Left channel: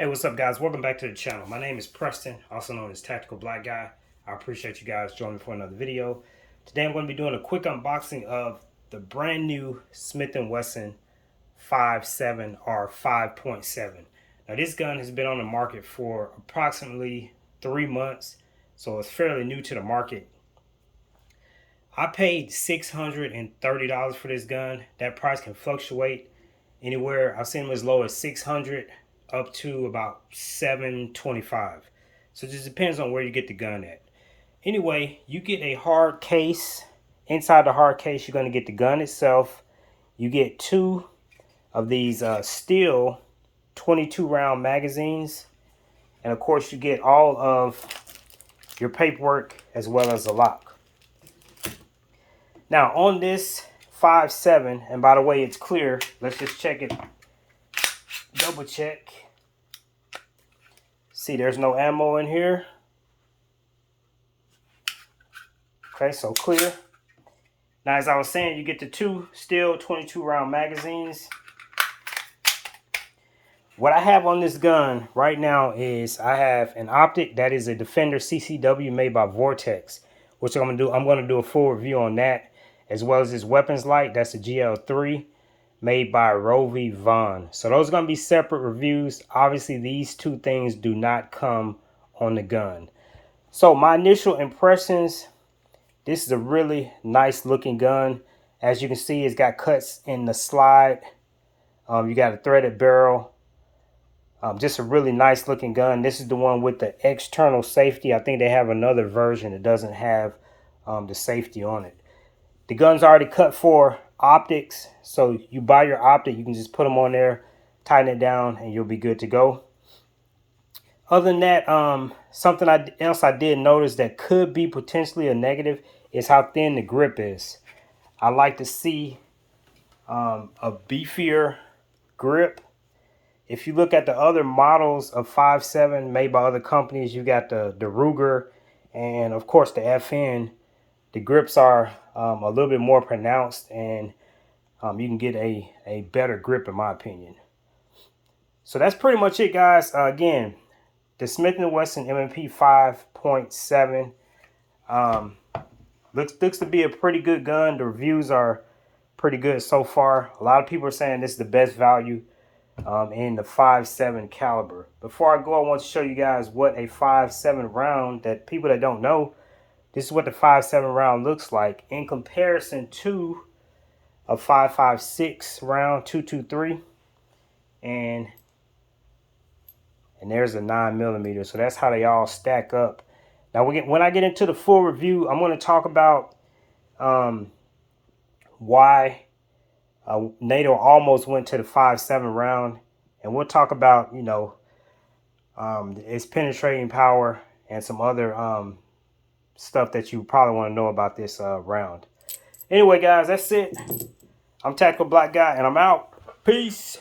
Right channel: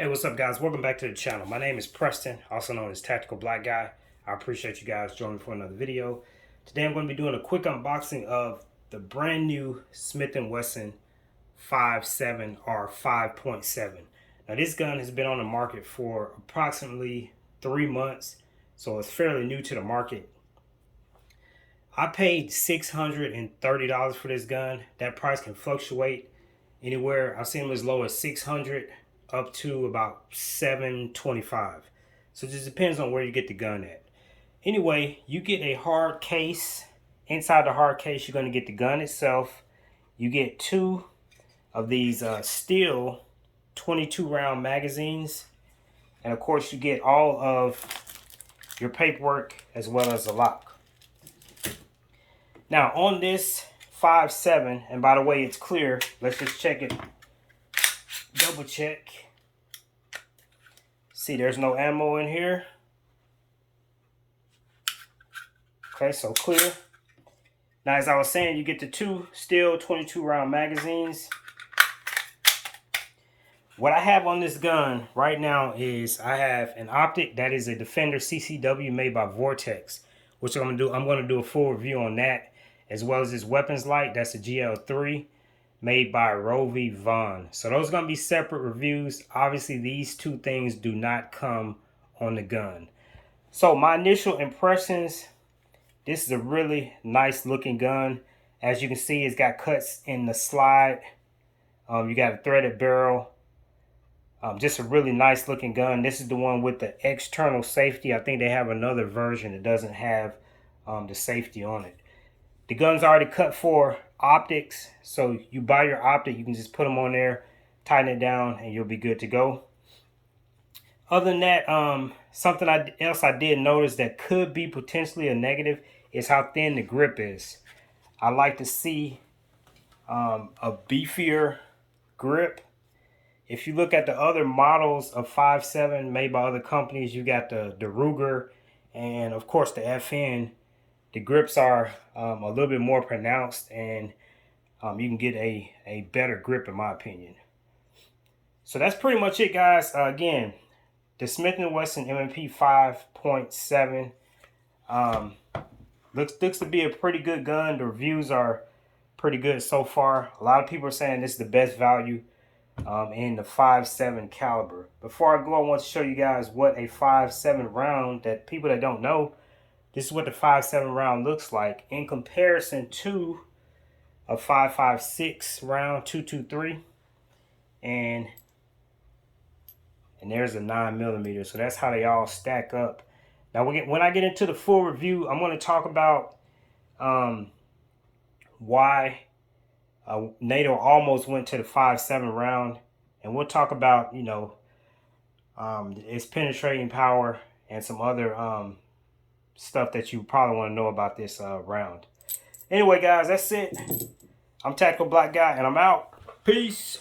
Hey, what's up, guys? Welcome back to the channel. My name is Preston, also known as Tactical Black Guy. I appreciate you guys joining me for another video. Today I'm going to be doing a quick unboxing of the brand new Smith and Wesson 5.7 or 5.7. Now, this gun has been on the market for approximately 3 months, so it's fairly new to the market. I paid $630 for this gun. That price can fluctuate anywhere. I've seen them as low as $600 up to about $725. So it just depends on where you get the gun at. Anyway, you get a hard case. Inside the hard case, you're going to get the gun itself. You get two of these steel 22 round magazines. And of course, you get all of your paperwork as well as a lock. Now on this 5.7, and by the way, it's clear. Let's just check it. Double check. See, there's no ammo in here. Okay, so clear. Now, as I was saying, you get the two steel 22 round magazines. What I have on this gun right now is I have an optic that is a Defender CCW made by Vortex, which I'm gonna do a full review on that, as well as this weapons light. That's a GL3 made by Rovi Vaughn. So those are going to be separate reviews. Obviously, these two things do not come on the gun. So my initial impressions, this is a really nice looking gun. As you can see, it's got cuts in the slide. You got a threaded barrel. Just a really nice looking gun. This is the one with the external safety. I think they have another version that doesn't have the safety on it. The gun's already cut for optics, so you buy your optic, you can just put them on there, tighten it down, and you'll be good to go. Other than that, something else I did notice that could be potentially a negative is how thin the grip is. I like to see a beefier grip. If you look at the other models of 5.7 made by other companies, you got the Ruger and of course the FN. The grips are a little bit more pronounced, and you can get a better grip in my opinion. So that's pretty much it, guys. Again, the Smith and Wesson M&P 5.7 looks to be a pretty good gun. The reviews are pretty good so far. A lot of people are saying this is the best value in the 5.7 caliber. Before I go, I want to show you guys what a 5.7 round, that people that don't know, this is what the 5.7 round looks like in comparison to a 5.56 round 223, and there's a 9mm. So that's how they all stack up. Now when I get into the full review, I'm going to talk about why NATO almost went to the 5.7 round, and we'll talk about its penetrating power and some other stuff that you probably want to know about this round. Anyway, guys, that's it. I'm Tactical Black Guy, and I'm out. Peace.